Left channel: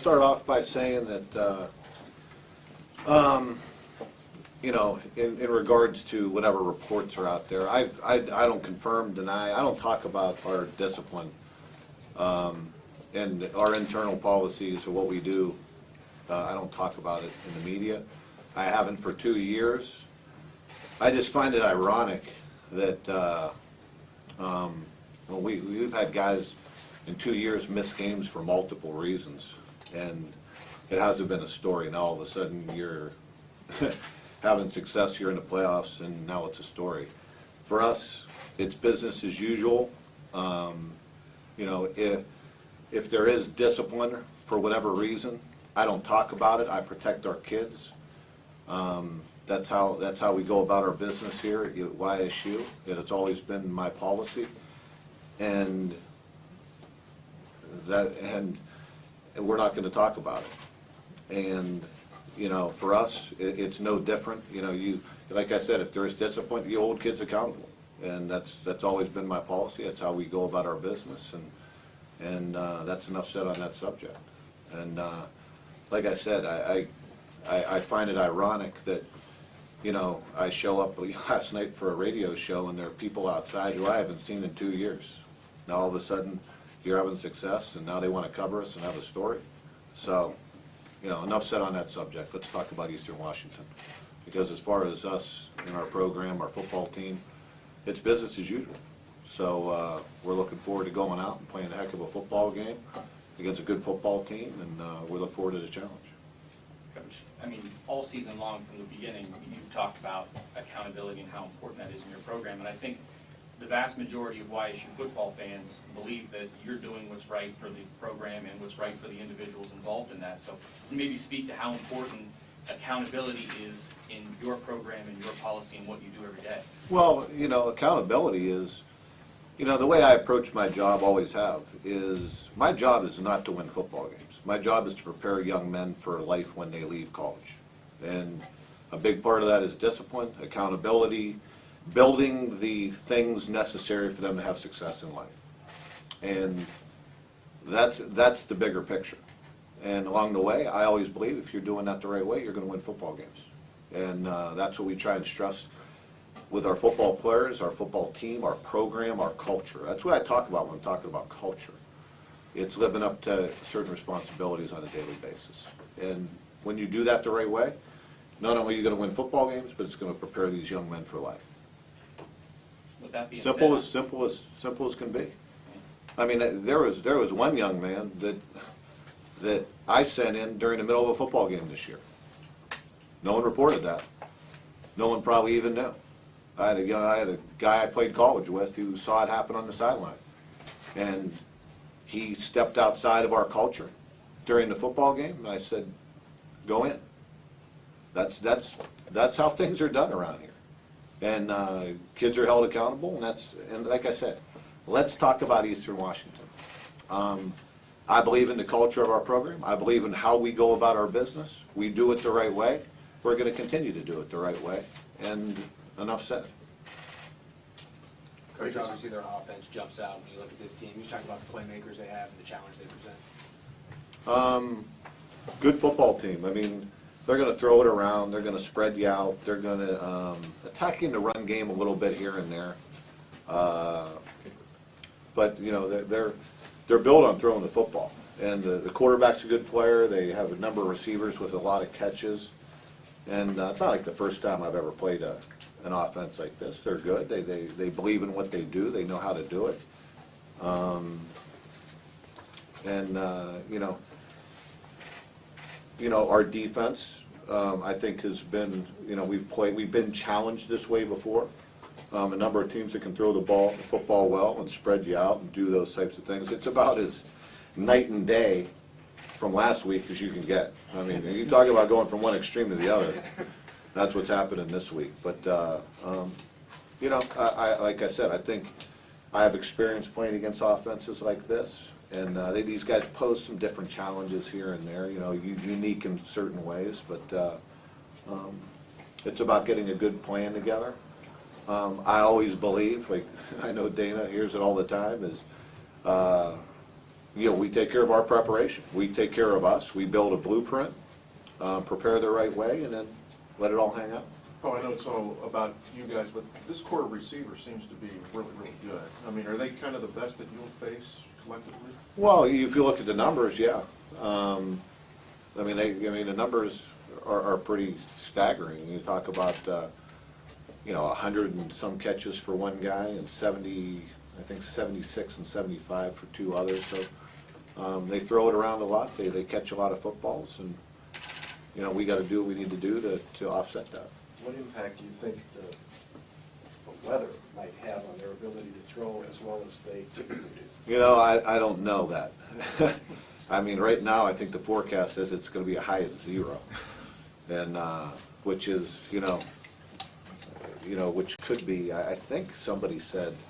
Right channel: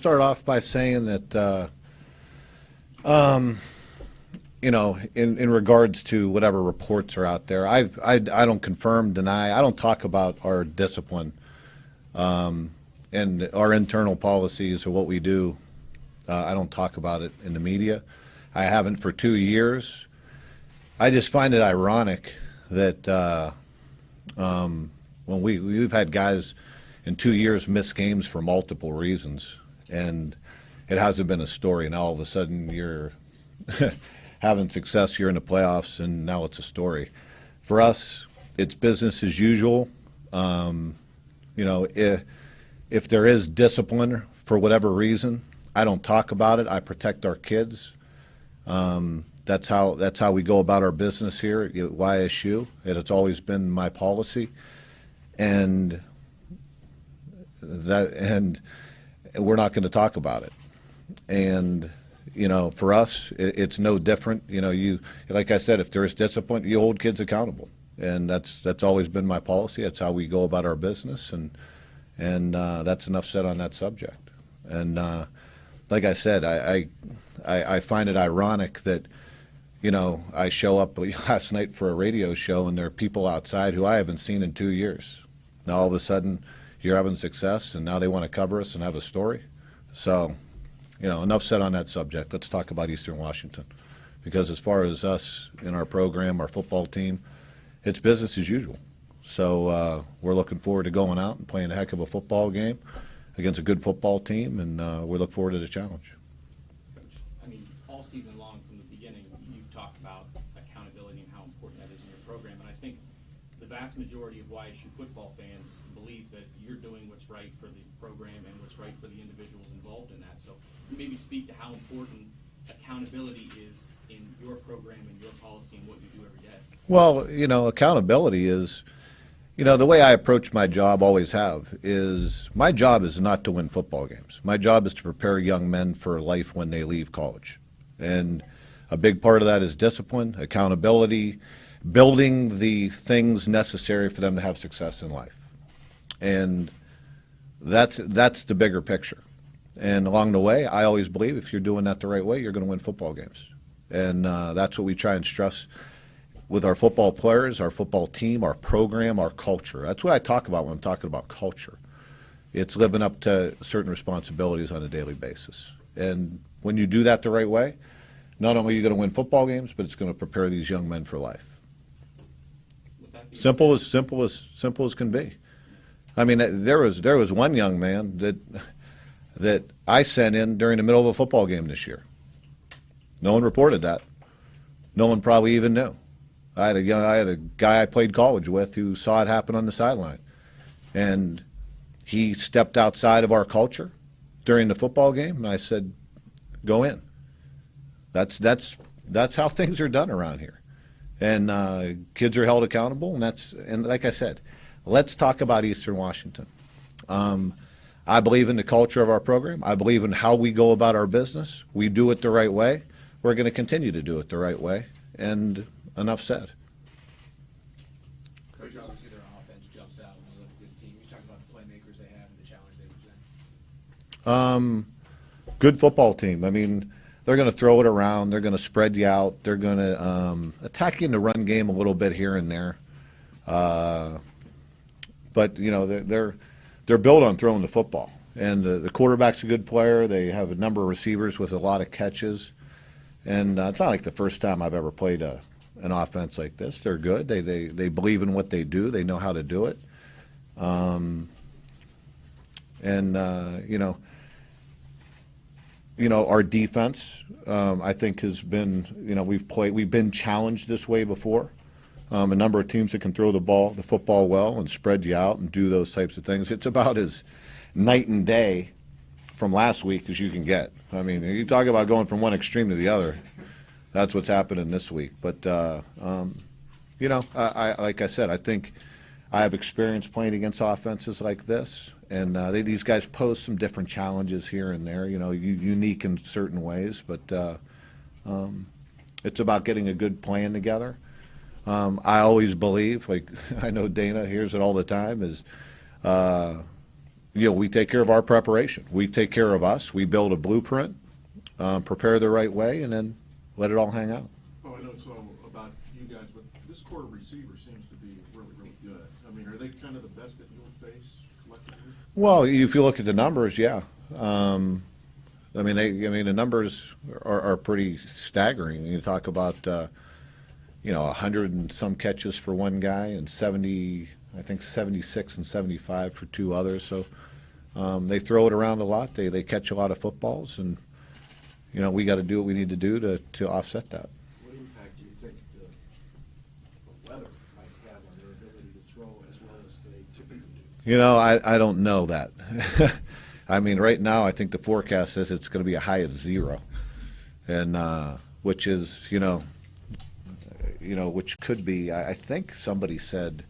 Start off by saying that, in regards to whatever reports are out there, I don't confirm, deny, I don't talk about our discipline and our internal policies or what we do. I don't talk about it in the media. I haven't for 2 years. I just find it ironic that when we've had guys in 2 years miss games for multiple reasons, and it hasn't been a story. Now all of a sudden you're having success, you're in the playoffs, and now it's a story. For us, it's business as usual. If there is discipline for whatever reason, I don't talk about it. I protect our kids. That's how we go about our business here at YSU, and it's always been my policy. And we're not going to talk about it. And for us, it's no different. Like I said, if there is discipline, you hold kids accountable, and that's always been my policy. That's how we go about our business, and that's enough said on that subject. And like I said, I find it ironic that I show up last night for a radio show, and there are people outside who I haven't seen in 2 years. Now all of a sudden, you're having success, and now they want to cover us and have a story. So, enough said on that subject. Let's talk about Eastern Washington. Because as far as us in our program, our football team, it's business as usual. So we're looking forward to going out and playing a heck of a football game against a good football team, and we look forward to the challenge. Coach, all season long from the beginning, you've talked about accountability and how important that is in your program, and I think the vast majority of YSU football fans believe that you're doing what's right for the program and what's right for the individuals involved in that. So can you maybe speak to how important accountability is in your program and your policy and what you do every day? Well, accountability is, the way I approach my job, always have, is my job is not to win football games. My job is to prepare young men for life when they leave college. And a big part of that is discipline, accountability, building the things necessary for them to have success in life. And that's the bigger picture. And along the way, I always believe if you're doing that the right way, you're going to win football games. And that's what we try and stress with our football players, our football team, our program, our culture. That's what I talk about when I'm talking about culture. It's living up to certain responsibilities on a daily basis. And when you do that the right way, not only are you going to win football games, but it's going to prepare these young men for life. Simple as can be. There was one young man that I sent in during the middle of a football game this year. No one reported that. No one probably even knew. I had a guy I played college with who saw it happen on the sideline, and he stepped outside of our culture during the football game, and I said, "Go in." That's how things are done around here. And kids are held accountable, and like I said, let's talk about Eastern Washington. I believe in the culture of our program. I believe in how we go about our business. We do it the right way. We're going to continue to do it the right way, and enough said. Coach, obviously their offense jumps out when you look at this team. You talk about the playmakers they have and the challenge they present. Good football team. They're going to throw it around. They're going to spread you out. They're going to attack you in the run game a little bit here and there. But they're built on throwing the football. And the quarterback's a good player. They have a number of receivers with a lot of catches. And it's not like the first time I've ever played an offense like this. They're good. They believe in what they do. They know how to do it. Our defense, I think, has been, we've been challenged this way before. A number of teams that can throw the football well and spread you out and do those types of things. It's about as night and day from last week as you can get. You talk about going from one extreme to the other. That's what's happening this week. But, like I said, I think I have experience playing against offenses like this. And these guys pose some different challenges here and there, unique in certain ways. But it's about getting a good plan together. I always believe, like I know Dana hears it all the time, is we take care of our preparation. We take care of us. We build a blueprint, prepare the right way, and then let it all hang out. Oh, I know it's all about you guys, but this core of receiver seems to be really, really good. I mean, are they kind of the best that you'll face collectively? Well, if you look at the numbers, yeah. I mean, the numbers are pretty staggering. You talk about, 100 and some catches for one guy and 70, I think 76 and 75 for two others. So they throw it around a lot. They catch a lot of footballs, and we got to do what we need to do to offset that. What impact do you think the weather might have on their ability to throw as well as they typically do? I don't know that. I mean, right now, I think the forecast says it's going to be a high of 0, and which is, which could be. I think somebody said,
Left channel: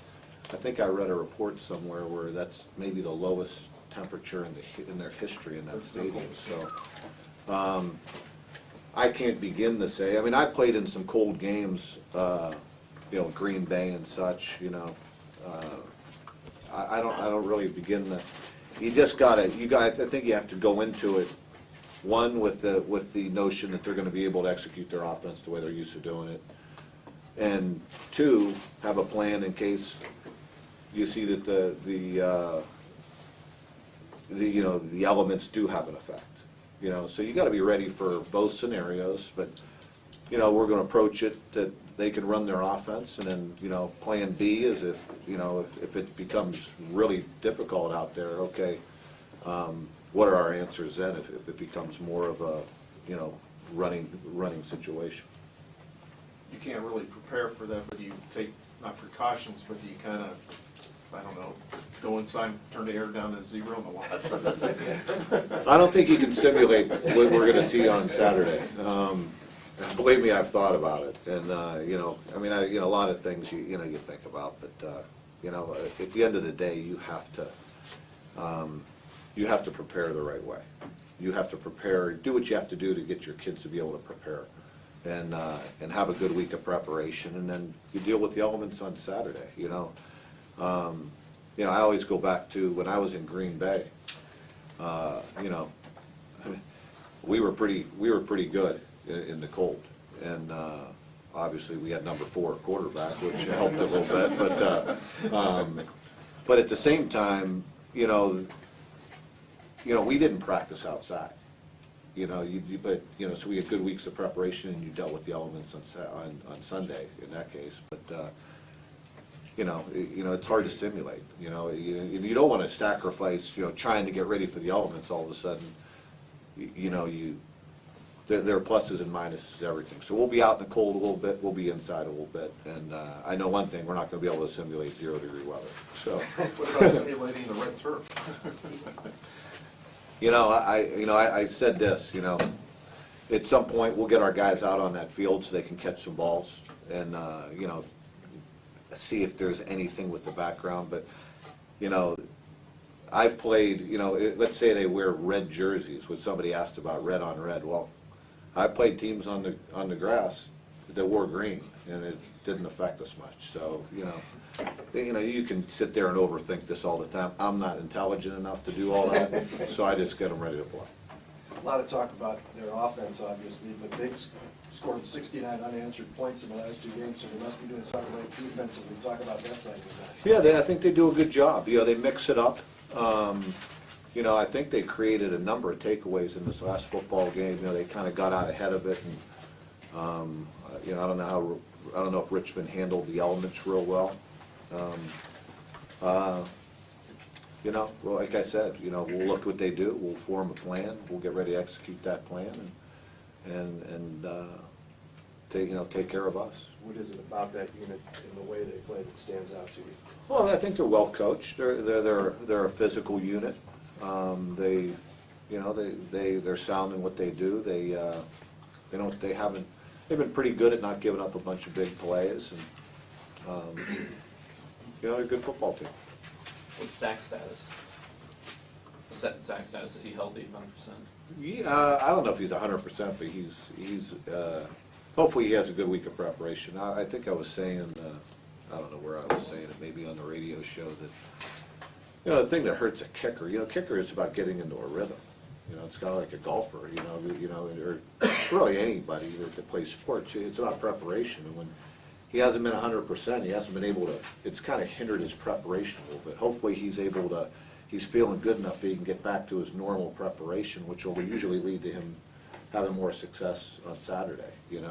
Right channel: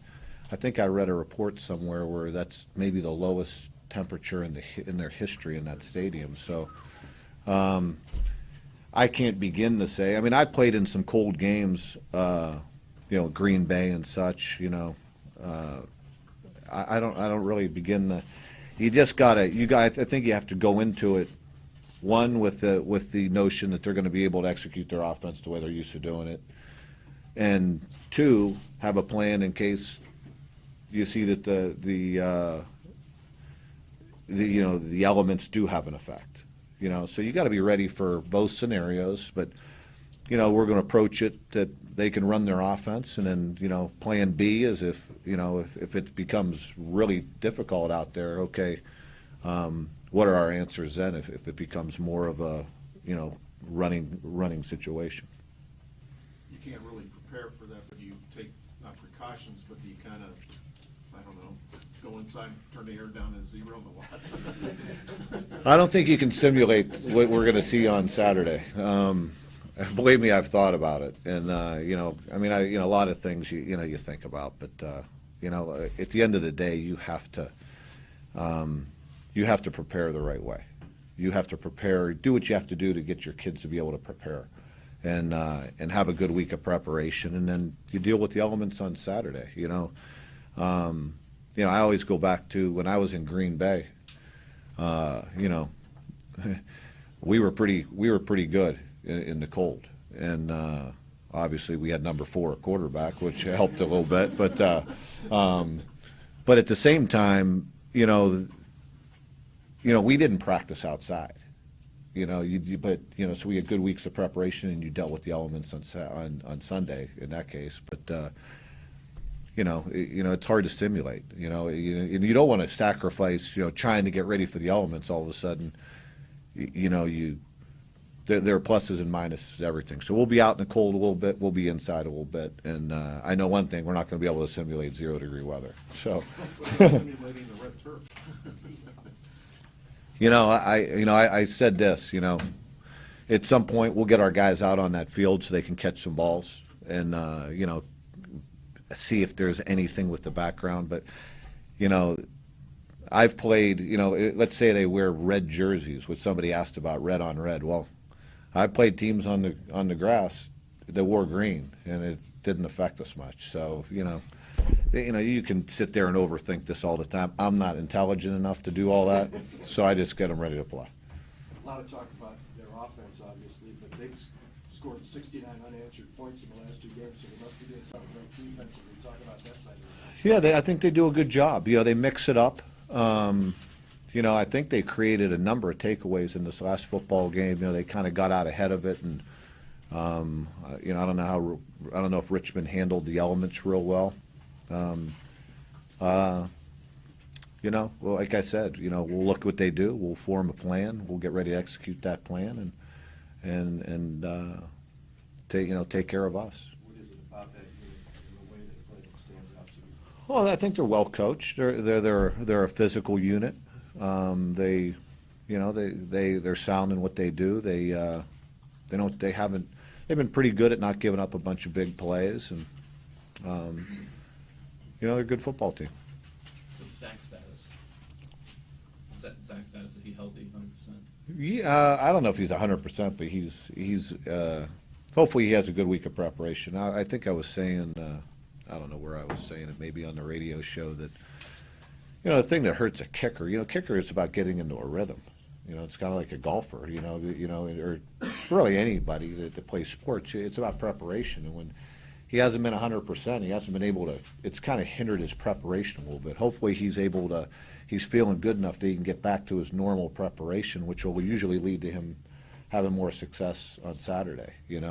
I think I read a report somewhere where that's maybe the lowest temperature in their history in that stadium. So I can't begin to say. I mean, I played in some cold games, Green Bay and such. I don't really begin to. You just gotta. I think you have to go into it. One, with the notion that they're going to be able to execute their offense the way they're used to doing it, and two, have a plan in case you see that the elements do have an effect. So you got to be ready for both scenarios. But we're going to approach it that they can run their offense, and then plan B is if it becomes really difficult out there. Okay. What are our answers then if it becomes more of a, running situation? You can't really prepare for that, but you take, not precautions, but you kind of, I don't know, go inside, turn the air down to 0 in the lots. I don't think you can simulate what we're going to see on Saturday. Believe me, I've thought about it, and a lot of things you think about, but at the end of the day, you have to prepare the right way. You have to prepare, do what you have to do to get your kids to be able to prepare, and have a good week of preparation, and then you deal with the elements on Saturday. I always go back to when I was in Green Bay. We were pretty good in the cold, and obviously we had number 4 quarterback, which helped a little bit. But at the same time, we didn't practice outside. So we had good weeks of preparation, and you dealt with the elements on Sunday in that case. But it's hard to simulate. And you don't want to sacrifice. Trying to get ready for the elements. All of a sudden, there are pluses and minuses to everything. So we'll be out in the cold a little bit. We'll be inside a little bit. And I know one thing: we're not going to be able to simulate 0-degree weather. So. What about simulating the red turf? I said this, at some point we'll get our guys out on that field so they can catch some balls and, see if there's anything with the background. But, I've played, let's say they wear red jerseys, which somebody asked about red on red. Well, I played teams on the grass that wore green, and it didn't affect us much. So, you can sit there and overthink this all the time. I'm not intelligent enough to do all that, so I just get them ready to play. A lot of talk about their offense, obviously, but they've scored 69 unanswered points in the last 2 games, so they must be doing something right defensively. Talk about that side of the ball. Yeah, I think they do a good job. They mix it up. I think they created a number of takeaways in this last football game. They kind of got out ahead of it, and I don't know if Richmond handled the elements real well. Well, like I said, we'll look what they do. We'll form a plan. We'll get ready to execute that plan, and take care of us. What is it about that unit and the way they play that stands out to you? Well, I think they're well coached. They're a physical unit. They're sound in what they do. They've been pretty good at not giving up a bunch of big plays, and they're a good football team. What's Zach's status? Zach's status, is he healthy, 100%? Yeah, I don't know if he's 100%, but he's hopefully he has a good week of preparation. I think I was saying, I don't know where I was saying it, maybe on the radio show, that You know, the thing that hurts a kicker, kicker is about getting into a rhythm. It's kind of like a golfer, or really anybody that plays sports. It's about preparation. And when he hasn't been 100%, he hasn't been able to, it's kind of hindered his preparation a little bit. Hopefully he's feeling good enough that he can get back to his normal preparation, which will usually lead to him having more success on Saturday,